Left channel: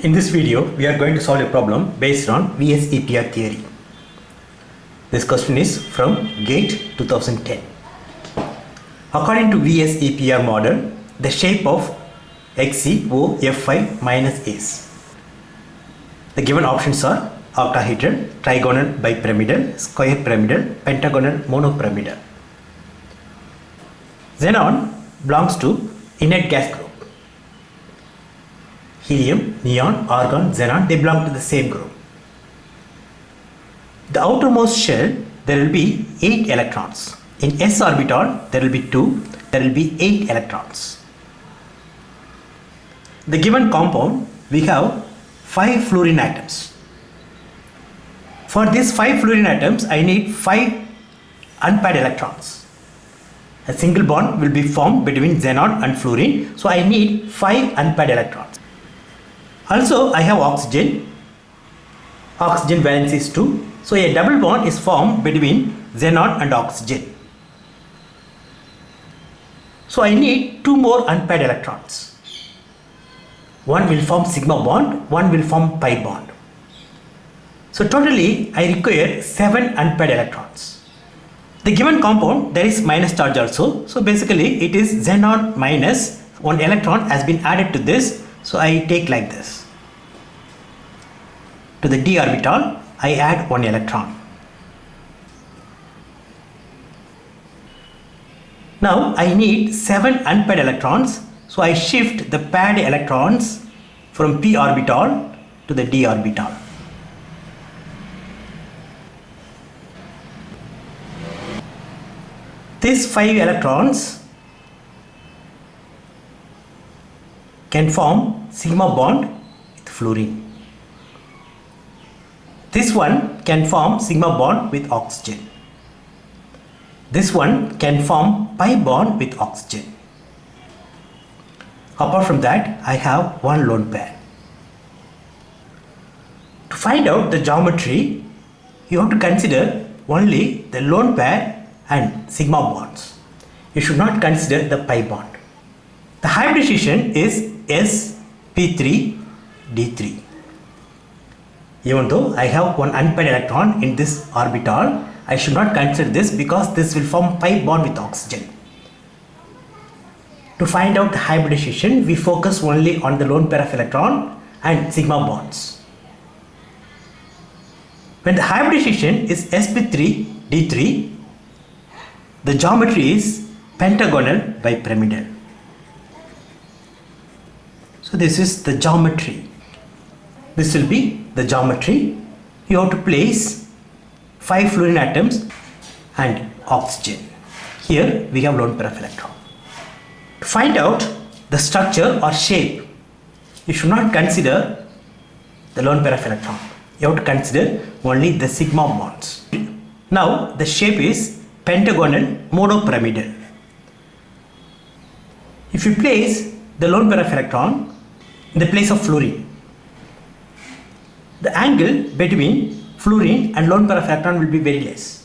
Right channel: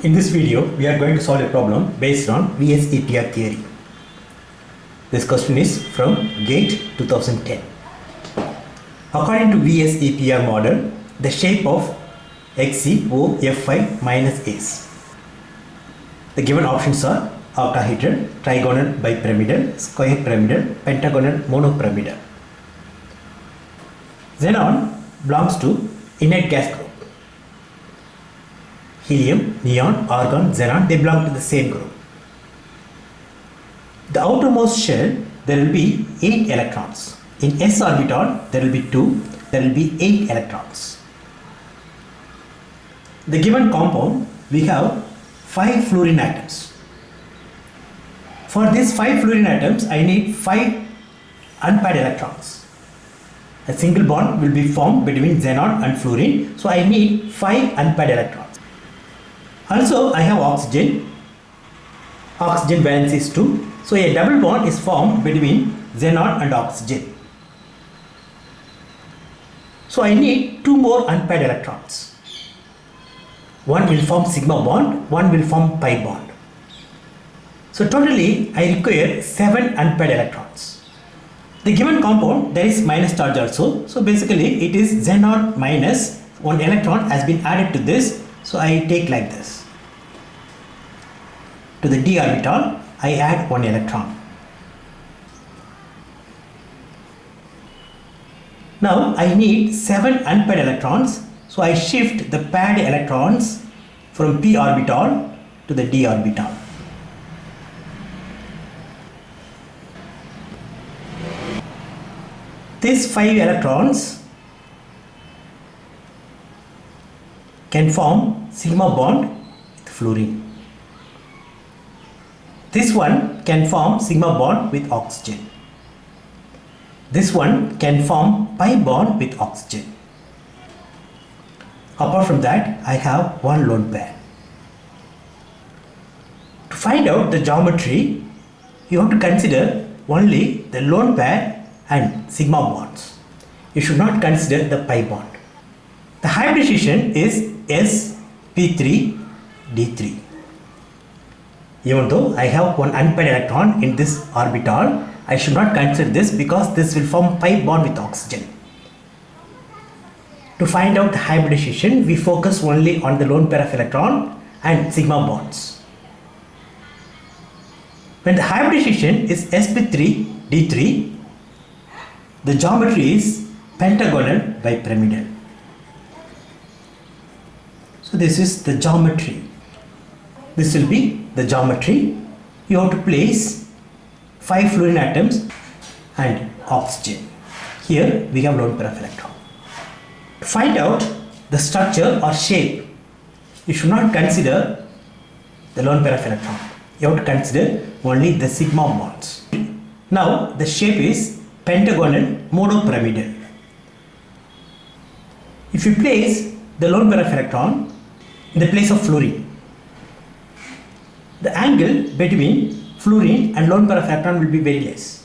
In this video, we are going to solve a problem based on VSEPR theory. This question is from GATE 2010. According to VSEPR model, the shape of XCOF5 minus is. The given options are octahedral, trigonal bipyramidal, square pyramidal, pentagonal monopyramidal. Xenon belongs to inert gas group. Helium, neon, argon, xenon, they belong to the same group. The outermost shell, there will be 8 electrons. In s orbital, there will be 2, there will be 8 electrons. The given compound, we have 5 fluorine atoms. For these 5 fluorine atoms, I need 5 unpaired electrons. A single bond will be formed between xenon and fluorine, so I need 5 unpaired electrons. Also, I have oxygen. Oxygen valence is 2. So, a double bond is formed between xenon and oxygen. So, I need 2 more unpaired electrons. One will form sigma bond, one will form pi bond. So, totally I require 7 unpaired electrons. The given compound, there is minus charge also. So, basically it is xenon minus 1 electron has been added to this. So, I take like this. To the d orbital, I add 1 electron. Now, I need 7 unpaired electrons. So, I shift the paired electrons from p orbital to the d orbital. These 5 electrons can form sigma bond with fluorine. This one can form sigma bond with oxygen. This one can form pi bond with oxygen. Apart from that, I have one lone pair. To find out the geometry, you have to consider only the lone pair and sigma bonds. You should not consider the pi bond. The hybridization is sp3d3. Even though I have one unpaired electron in this orbital, I should not consider this because this will form pi bond with oxygen. To find out the hybridization, we focus only on the lone pair of electron and sigma bonds. When the hybridization is sp3d3, the geometry is pentagonal bipyramidal. So this is the geometry. This will be the geometry. You have to place 5 fluorine atoms and oxygen. Here we have lone pair of electron. To find out the structure or shape, you should not consider the lone pair of electron. You have to consider only the sigma bonds. Now the shape is pentagonal monopyramidal. If you place the lone pair of electron in the place of fluorine, the angle between fluorine and lone pair of electron will be very less.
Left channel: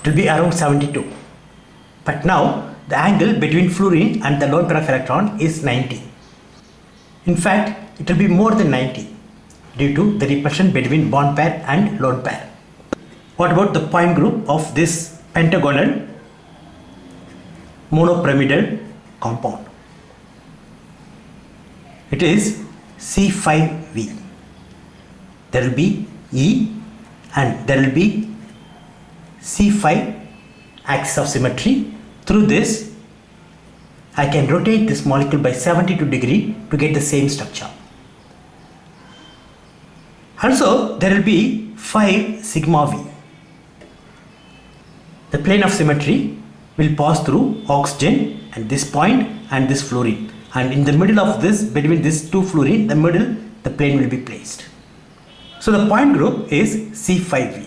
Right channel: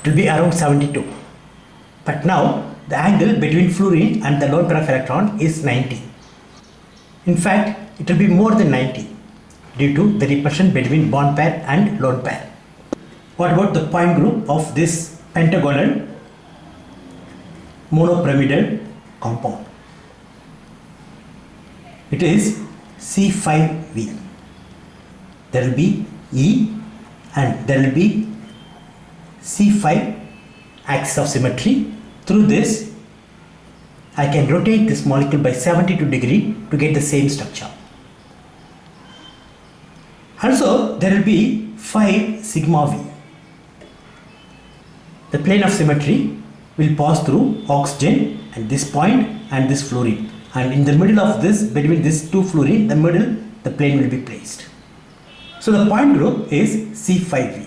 It will be around 72. But now the angle between fluorine and the lone pair of electron is 90. In fact, it will be more than 90 due to the repulsion between bond pair and lone pair. What about the point group of this pentagonal monopyramidal compound? It is C5V. There will be E and there will be C5 axis of symmetry. Through this, I can rotate this molecule by 72 degrees to get the same structure. Also, there will be 5 sigma V. The plane of symmetry will pass through oxygen and this point and this fluorine. And in the middle of this, between these 2 fluorine, the middle, the plane will be placed. So the point group is C5V.